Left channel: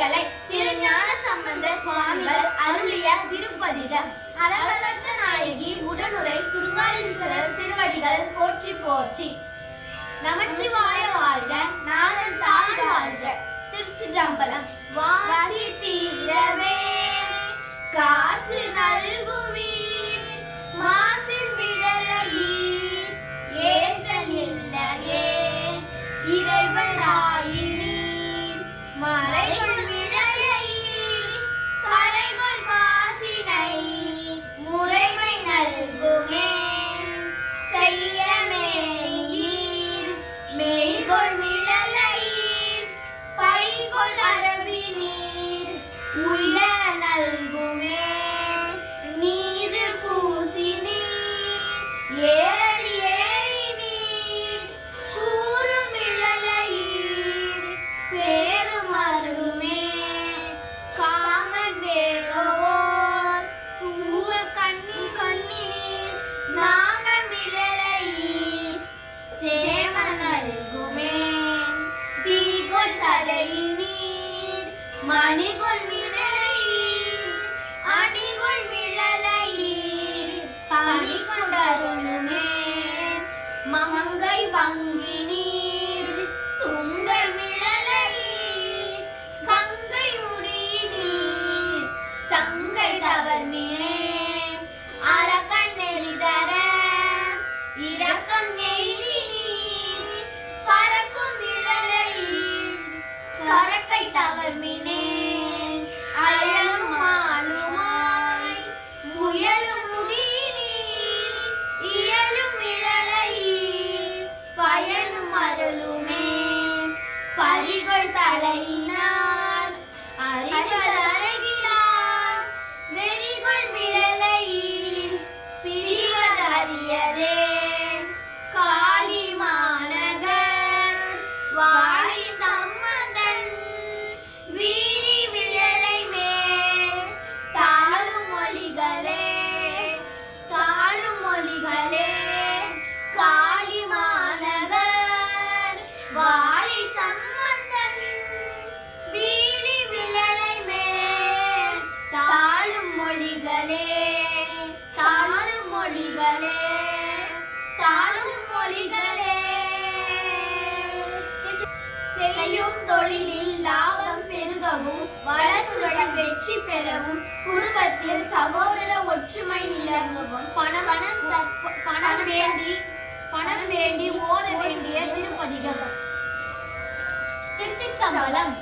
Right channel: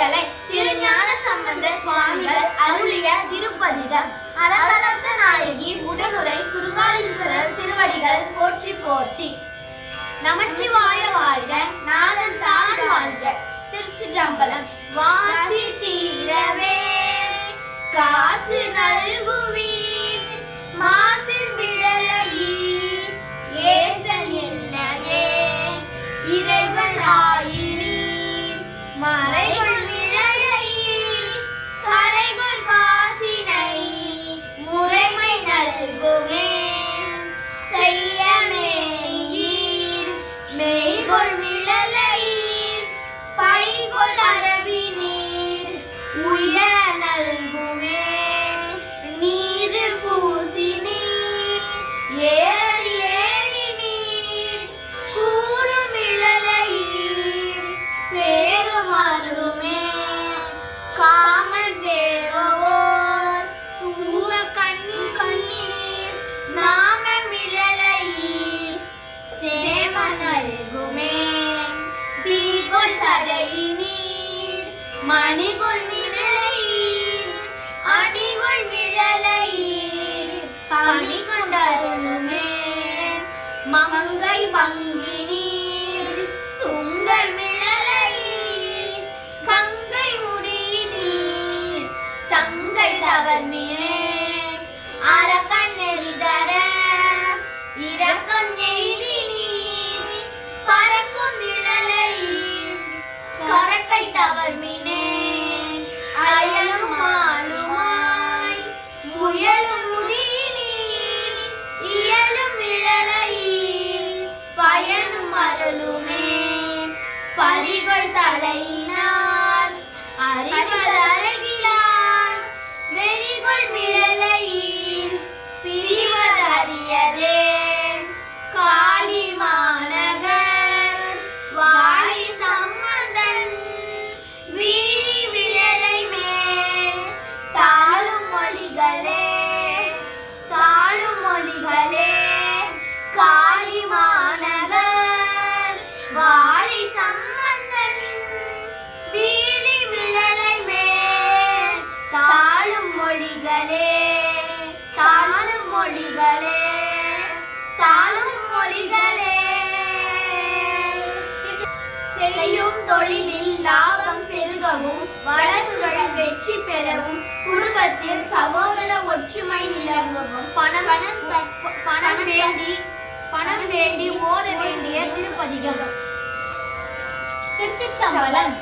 வரிகளை திருஞான சம்பந்தர் சுவாமிகள் அருளிய திருப்பதிகம். அலங்கலந்த நாயகி உடனுரை குருகாலீஸ்வரர் திருவடிகள் போற்றி போற்றி. நமச்சிவாய வாழ்க, நாதன் தாழ் வாழ்க. திருச்சிற்றம்பலம். வாசி தீரவே காசு நல்குவீர், மாசில் விழலையீர் ஏசல் இல்லையே இறைவன் ஆயினீர். மறைகள் விழலையீர் கரைகள் காசினை முறைமை நல்குமே செய்யமேனீர். மெய்கொள் விழலையீர் பைகொள் அரவினீர் உய நல்குமே. நீது பூசினீர் ஏறி ஏறி நீர் கூறும் இழலையீர் பேரும் அருளுமே. காமன் தேவோர் தூர கண்ணீர் நாம விழலையீர் சேம நல்குமே. பிடிகொள் சடையினீர் மணிகொள் விழலையீர் அணிகொள் விழலையீர் பணி கொண்டருளுமே. மங்கை வங்கினீர் துங்க மிழலையீர் கங்கை முடியினீர் சங்கை தவர்மினே. அரக்கன் நெறிதர இரக்கம் எய்தினீர் பறக்கும் விழலையீர் கரக்கை தவர்மினே. அயலும் ஆளுமாய் முயலும் முடியினீர் இயலும் விழலையீர் பயனும் அருளுமே. பரிகள் தலையினார் அறிகள் அருகிலார் வெறிகள் விழலையீர் பிரிவதறியதே. காளி மாநகர் வாழி சம்பந்தன் வீழி விழலை மேல் தாழும் மொழிகளே தாழும் மொழிகளே. காளி மாநகர் வாழி சம்பந்தன் வீழி விழலை மேல் தாழும் மொழிகளே தாழும் மொழிகளே தாழும் மொழிகளே. செய்யும் தொழிலில் லாபம் பெருகவும் வழக்குகளில் வெற்றி பெறவும் குடும்பத்தில் சகோதர ஒற்றுமை நிலவவும் பணம் வேண்டி ஓத வேண்டிய திருப்பதிகம். திருச்சிற்றம்பலம்.